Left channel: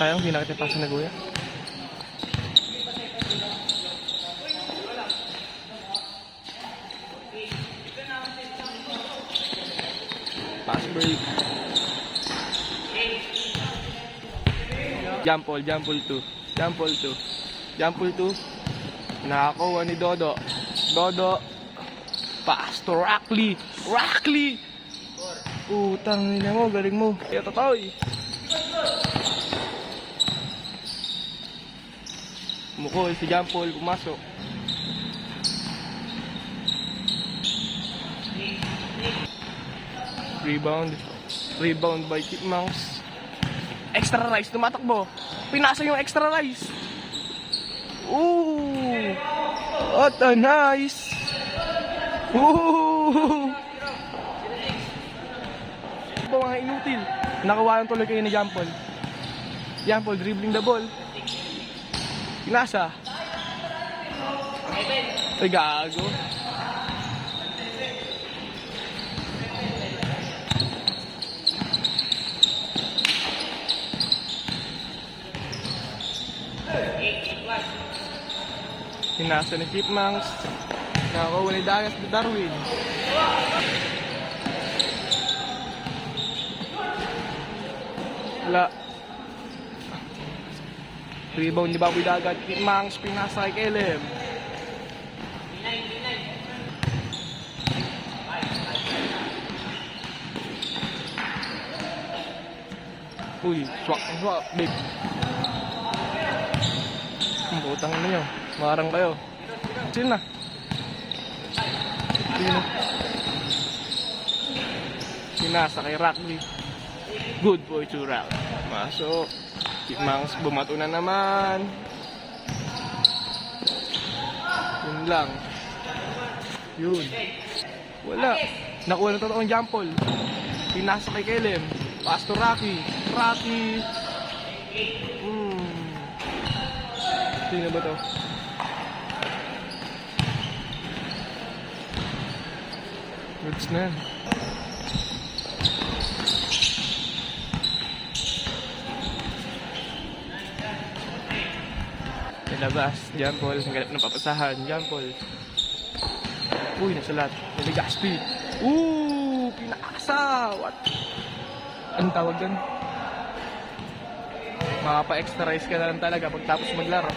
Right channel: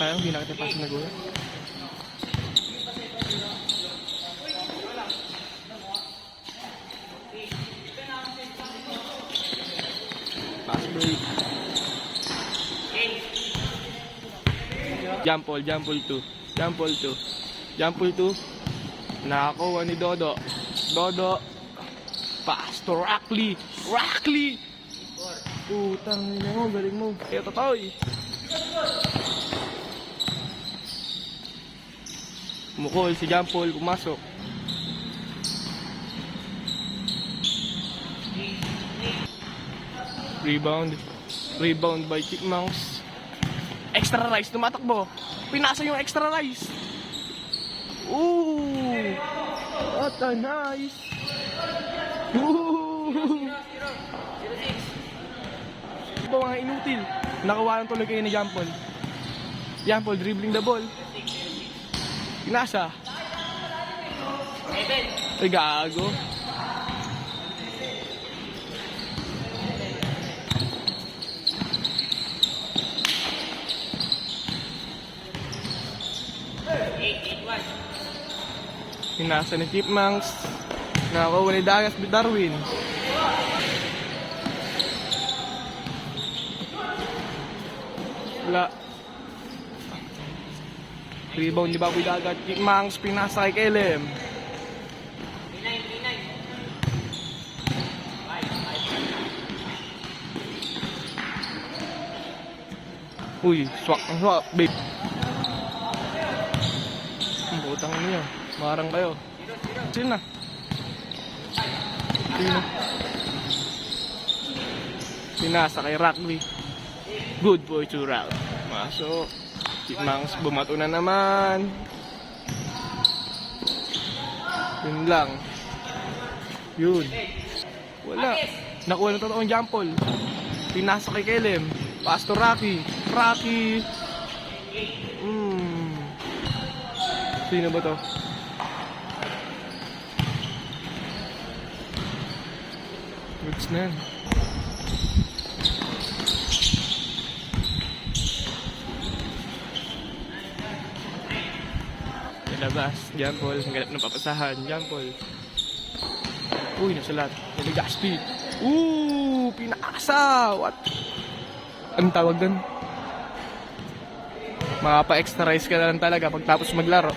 Sayang, hindi na kita pa sinaguya. Pass break. Jump ball 2. Jump ball 2. Jump ball 2. Nakakuha ni Dodo. Dodo. Pass to Rackley. Rackley! Putang ina mo, galing mo. Kaya Totoy. Mukol si Jump ball, pumasok. Rebound by Chipmunks. Extra rice, tumatakbo. Pinasa yung extra rice. Ooh! What a nice! Ooh! Ito mga inutil. Nakawalan tuloy kayo ni Jampol. Jampol dribbling the ball. Pinasa. Ay gago. Pinasa ni Chipmunks. Nakakuha ni Darwin. Wala. Rebound ni Baboy Dagat. Chipmunks pinasa kay Kelem. Uy, swak. Big. Ang butang niyo. Marang kayo. Sino na? Sino? Sinasa kay Rackley. Good for 2 round. Masok. Chipmunks bumato na naman. Yun lang. Yun. Wala. Nakuha na totoong jump ball. Pinasa kay Kelem. Pass to Rocky. Rocky. Sino ba to? Goods na yan. Nilabas. Jump ball. Ang ganap ng papasahan. Jump ball. Uy, nasulat. Niligaspi. Pinaksa. What? Anong tawag doon? Makapa-extra rice ka na lang talaga pagtapos maglaro.